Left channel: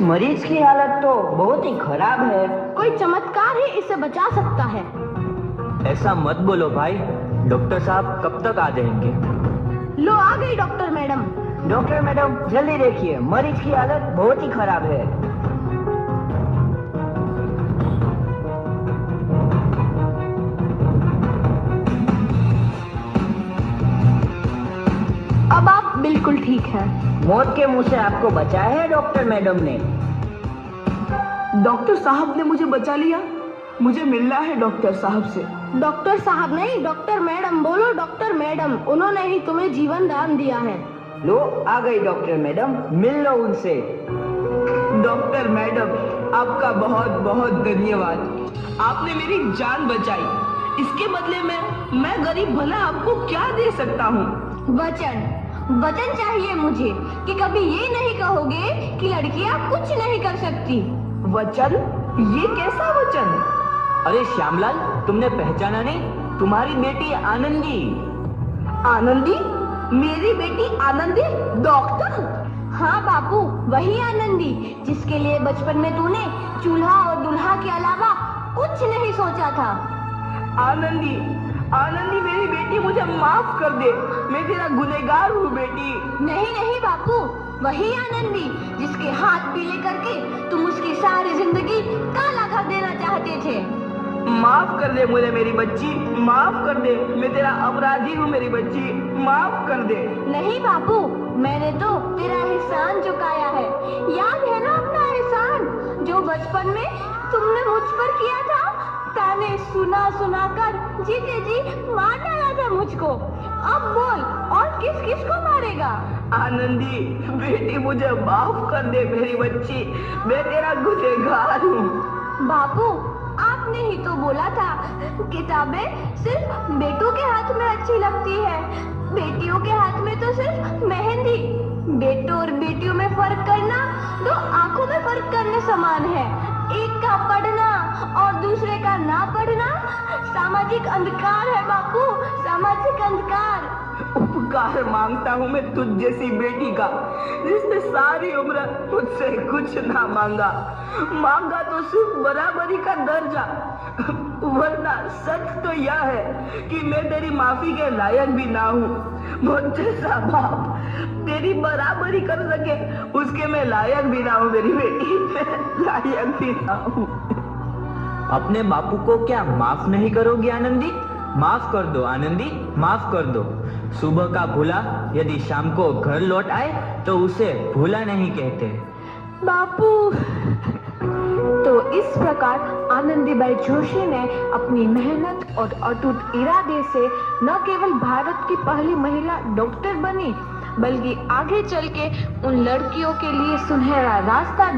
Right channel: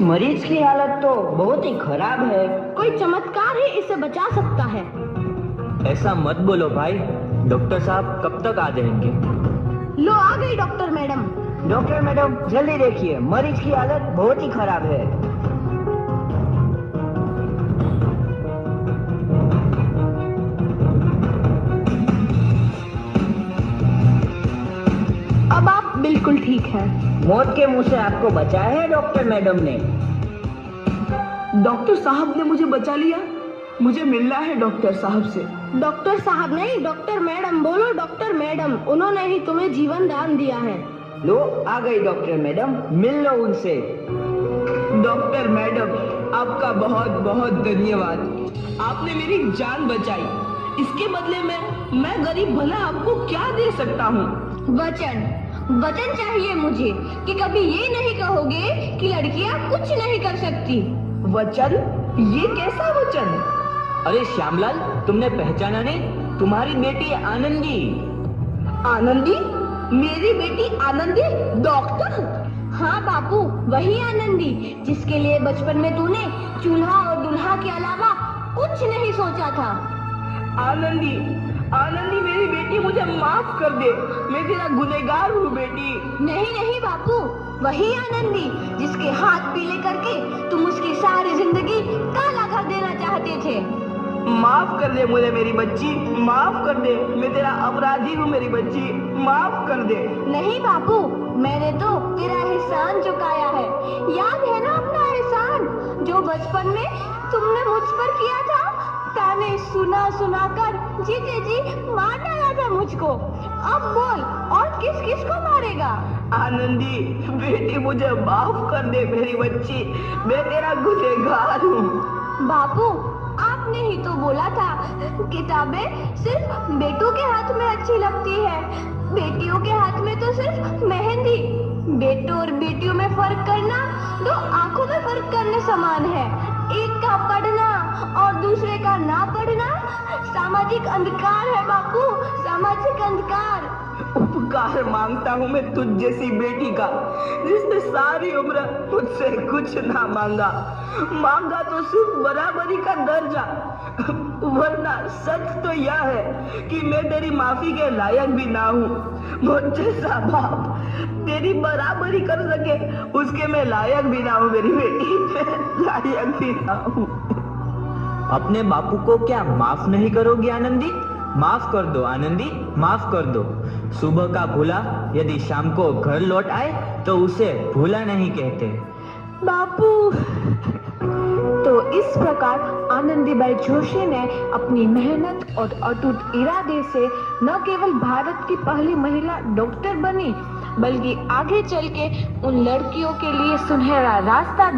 इस मरीज की हालत तो बहुत ही खराब है। कोई चमत्कार ही इसे बचा सकता है। ऐसा मत बोलो भाई, डॉक्टर साहब कब तक आ जाएंगे? लो आ गई डॉक्टर मैडम। डॉक्टर मैडम जल्दी देखिए, मरीज की हालत बहुत ही खराब है। अब आप बिल्कुल ठीक हैं। मौत के मुंह से आपको बचाया है डॉक्टर मैडम ने। डॉक्टर साहब ने मुझे बचा लिया। मुझे मिलना है डॉक्टर साहब से। डॉक्टर साहब नहीं, डॉक्टर मैडम बोलो। डॉक्टर मैडम, उन्होंने ही तुम्हें जीवन दान दिया है। लो आ गई डॉक्टर मैडम, मिल लो उनसे। डॉक्टर मैडम, आपका बहुत बहुत धन्यवाद। आपने मेरी जान बचाई। इसके बदले में मैं गरीब भला आपको क्या दे सकता हूँ? वचन चाहिए मुझे कि कभी ये नहीं कहोगे कि लड़कियां कुछ नहीं कर सकती। वचन? ये कैसा वचन? अरे श्यामलाल, तुमने पहचाना नहीं? तुम्हारी बेटी आनंदी। आनंदी? मेरी बेटी आनंदी डॉक्टर? हाँ बापू, वही आनंदी जिसके लिए बचपन में तूने चूल्हा और दूल्हा के अलावा कुछ नहीं सोचा था। आनंदी, आनंदी मेरी बेटी, मुझे माफ कर दे। मैं तेरा गुनहगार हूँ बेटी। नहीं नहीं बापू, वही आनंदी जिसके हाथ पीले करके तुम उसकी सारी जिंदगी काला कर देना चाहते थे। माफ कर दे मुझे मेरी बच्ची, माफ कर दे। मैं तेरा अपराधी हूँ मेरी बच्ची, माफ कर दे। नहीं बापू, मैंने तो तेरा एहसान चुकाया है। याद है ना अपना एहसान जो बचपन में तुमने मुझ पर किया था? ताने सुना सुना कर जीते जी मार डाला था मुझको। अब बोल, और किस किस को मारेगा? आनंदी बेटी, मुझे माफ कर दे मेरी बच्ची, मैं तेरा गुनहगार हूँ। बापू, आपने ही तो बोला था किताबें सिर्फ बेटों के हाथ में अच्छी लगती है, बेटियों के हाथ में तो सिर्फ मेहंदी। बेटों और बेटियों में फर्क करना दो आंखों में फर्क करने समान है। एक का पढ़ना और दूसरे का ना पढ़ना सामाजिक अंधकार है बापू, सामाजिक अंधकार। उपकार मांगता हूँ मैं तुझ जैसी बेटी का, जिसने सारी उम्र मुझसे कुछ ना मांगा तो सिर्फ बराबरी का दर्जा। वरना सच तो यह है कि मैं तेरी माफी के लायक भी ना हूँ। मुझ जैसा बाप तेरी बराबरी कर सके उसके मैं लायक भी ना हूँ मेरी बेटी, लायक भी ना हूँ। अपने बापू को क्या माफ नहीं करोगी आनंदी? माफ कर दो आनंदी, माफ कर दो। सुबह का भूला यदि शाम को घर लौट आए तो उसे भूला नहीं कहते। बापू। तो इस प्रकार आनंदीबाई जोशी ने अपनी मेहनत और अटूट इरादे से न केवल भारत की पहली महिला डॉक्टर बनी, बल्कि आगे चल के उन लड़कियों के लिए सुनहरा रास्ता